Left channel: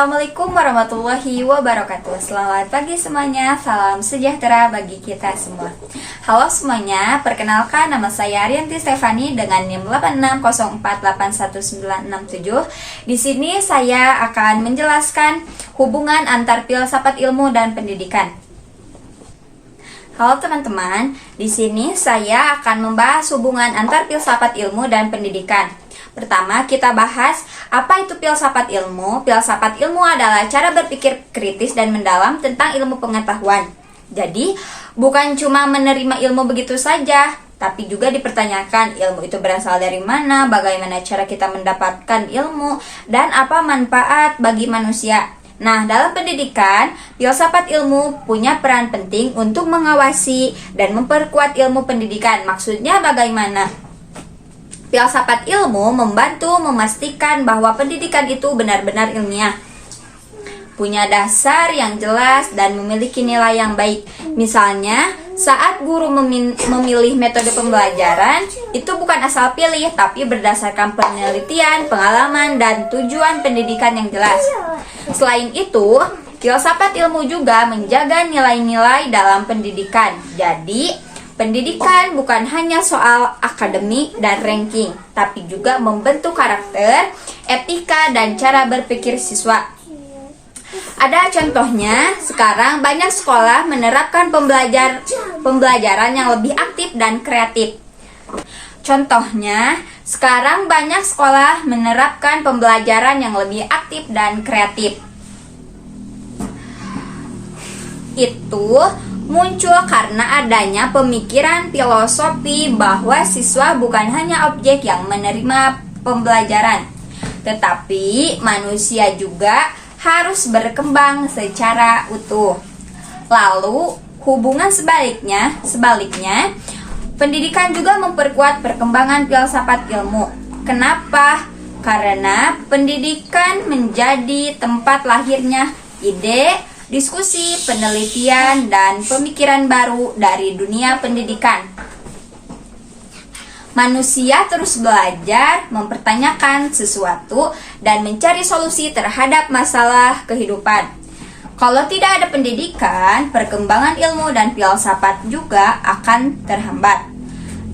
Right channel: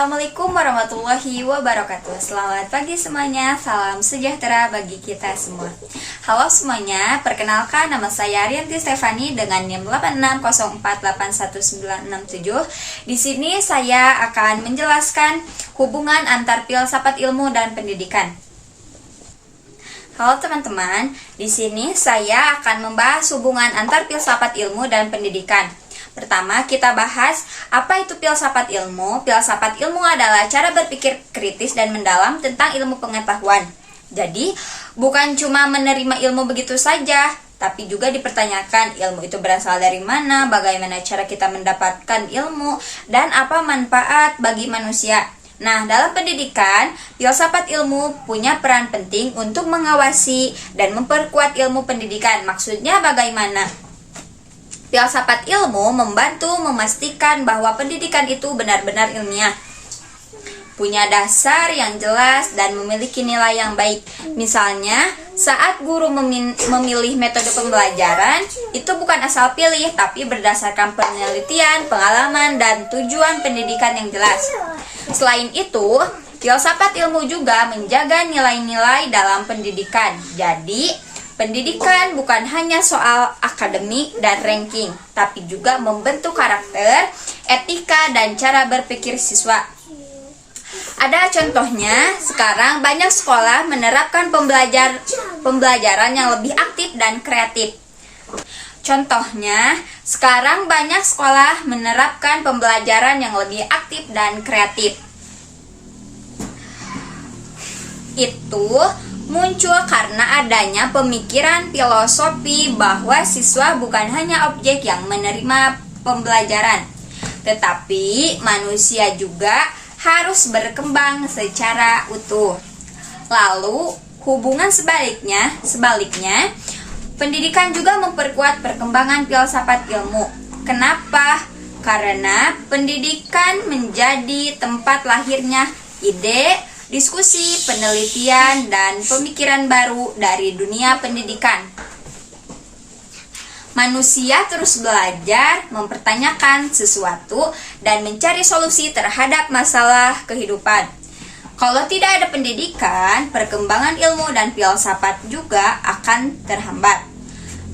Assalamualaikum warahmatullahi wabarakatuh. Selamat pagi semuanya, salam sejahtera bagi kita semua. Halo semuanya, perkenalkan nama saya Arianti Stefani dengan NIM 86048197. Di sini saya akan menjelaskan hubungan antar filsafat ilmu dan pendidikan. Halo teman-teman, di sini saya akan membahas hubungan antar filsafat ilmu dan pendidikan. Pertama, kita bahas apa itu filsafat ilmu. Filsafat ilmu adalah cara berpikir kritis dan mendalam tentang ilmu pengetahuan. Jadi, bukan cuma menerima ilmu begitu saja, tapi juga dipertanyakan ilmu itu berasal dari mana, bagaimana cara kita mendapatkan ilmu, dan apa manfaat bagi manusia. Nah, dalam pendidikan, filsafat ilmu punya peran penting untuk mengawasi dan memperkuat ilmu pendidikan. Maksudnya bagaimana? Filsafat ilmu membantu memastikan bahwa pendidikan itu benar-benar ilmiah, punya dasar yang jelas dan memiliki nilai yang baik. Misalnya, saat guru memilih metode pembelajaran, itu bukan asal pilih, tapi berdasarkan penelitian, pengalaman, dan tujuan pendidikan yang jelas. Selain itu, filsafat ilmu juga menjaga nilai-nilai dalam pendidikan. Jadi, pendidikan bukan hanya soal akademik dan ranking, tapi juga membentuk karakter, etika, dan cara berpikir siswa. Ada contohnya, sekarang banyak sekolah menerapkan pembelajaran yang lebih aktif dan kreatif. Contohnya, sekarang banyak sekolah menerapkan pembelajaran yang lebih aktif dan kreatif. Itu muncul karena adanya pemikiran filosofi bahwa siswa bukan hanya objek yang menerima pembelajaran, tetapi manusia juga harus berkembang secara utuh. Lalu, hubungan sebaliknya, pendidikan juga memperkuat perkembangan filsafat ilmu. Kenapa? Karena pendidikan menjadi tempat lahirnya ide, diskusi, penelitian, dan pemikiran baru dari dunia pendidikan. Manusia terus belajar, mempertanyakan sesuatu, dan mencari solusi terhadap masalah kehidupan. Kalau tidak ada pendidikan, perkembangan ilmu dan filsafat juga akan terhambat.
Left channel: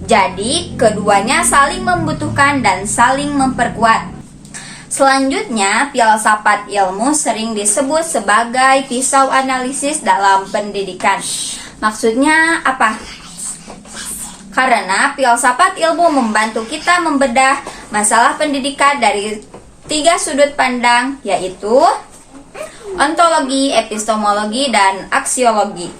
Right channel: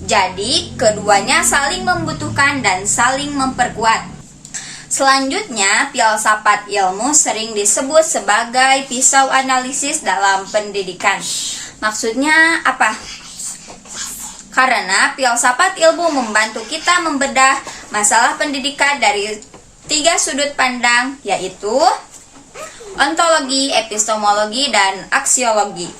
Jadi, keduanya saling membutuhkan dan saling memperkuat. Selanjutnya, filsafat ilmu sering disebut sebagai pisau analisis dalam pendidikan. Maksudnya apa? Karena filsafat ilmu membantu kita membedah masalah pendidikan dari 3 sudut pandang, yaitu ontologi, epistemologi, dan aksiologi.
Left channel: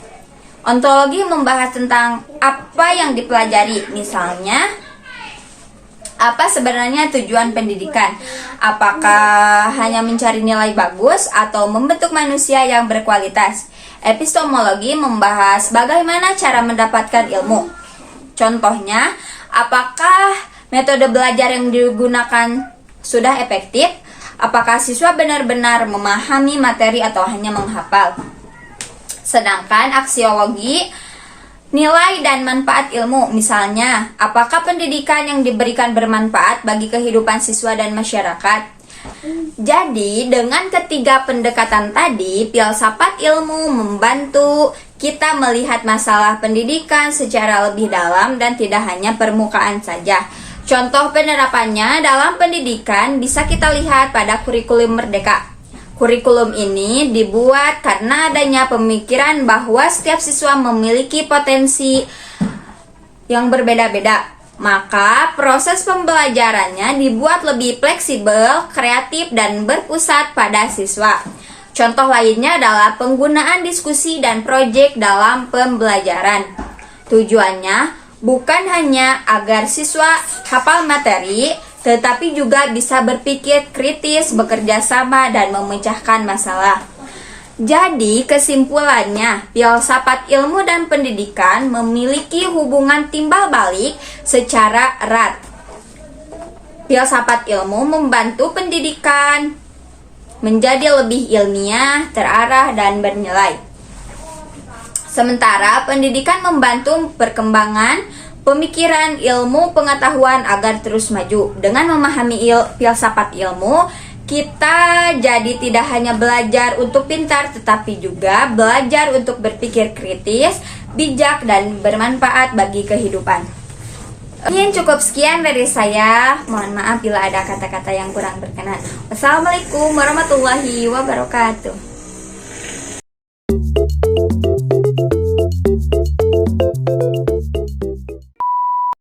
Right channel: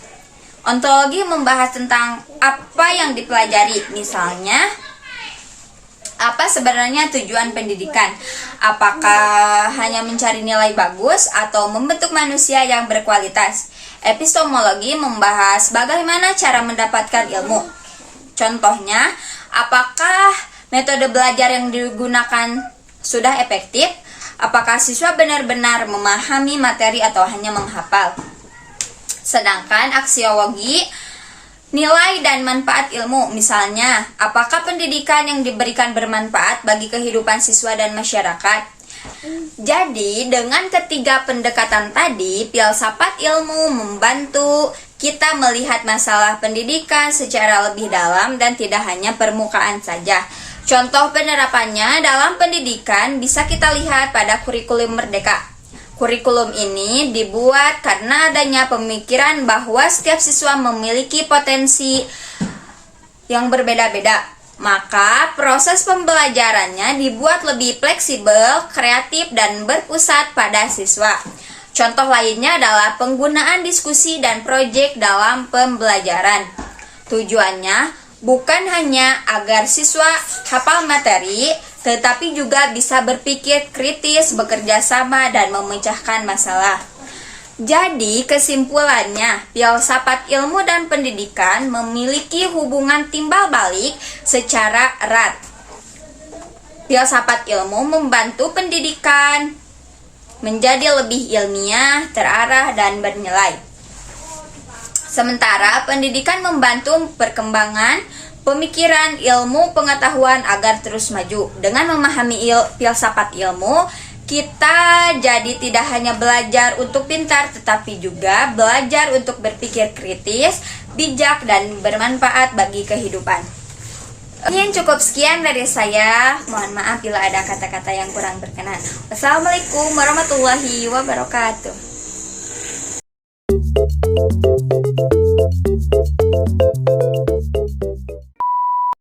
Ontologi membahas tentang apa yang dipelajari, misalnya apa sebenarnya tujuan pendidikan? Apakah hanya mencari nilai bagus atau membentuk manusia yang berkualitas? Epistemologi membahas bagaimana cara mendapatkan ilmu. Contohnya, apakah metode belajar yang digunakan sudah efektif? Apakah siswa benar-benar memahami materi atau hanya menghafal? Sedangkan aksiologi nilai dan manfaat ilmu, misalnya, apakah pendidikan yang diberikan bermanfaat bagi kehidupan siswa dan masyarakat? Jadi, dengan ketiga pendekatan tadi, filsafat ilmu membantu kita melihat masalah pendidikan secara lebih dalam dan tidak hanya permukaan saja. Contoh penerapannya dalam pendidikan bisa kita lihat pada kurikulum Merdeka. Kurikulum ini dibuat karena adanya pemikiran bahwa setiap siswa memiliki potensi yang berbeda-beda. Maka proses pembelajarannya dibuat lebih fleksibel, kreatif, dan berpusat pada siswa. Contoh lainnya adalah penggunaan diskusi dan proyek dalam pembelajaran. Tujuannya bukan hanya agar siswa hafal materi, tetapi juga bisa berpikir kritis, bekerja sama, dan memecahkan masalah. Jadi, kesimpulannya, filsafat ilmu dan pendidikan memiliki hubungan timbal balik secara erat. Filsafat ilmu membantu pendidikan menjadi lebih ilmiah, terarah, dan bernilai. Sementara pendidikan membantu perkembangan pemikiran ilmu pengetahuan agar terus maju. Dengan memahami filsafat ilmu, Kita jadi tidak hanya belajar untuk pintar, tetapi juga belajar untuk berpikir kritis, bijak, dan bermanfaat bagi kehidupan. Mungkin cukup sekian dari saya. Mohon maaf bila ada kata-kata yang kurang berkenan. Wassalamualaikum warahmatullahi wabarakatuh.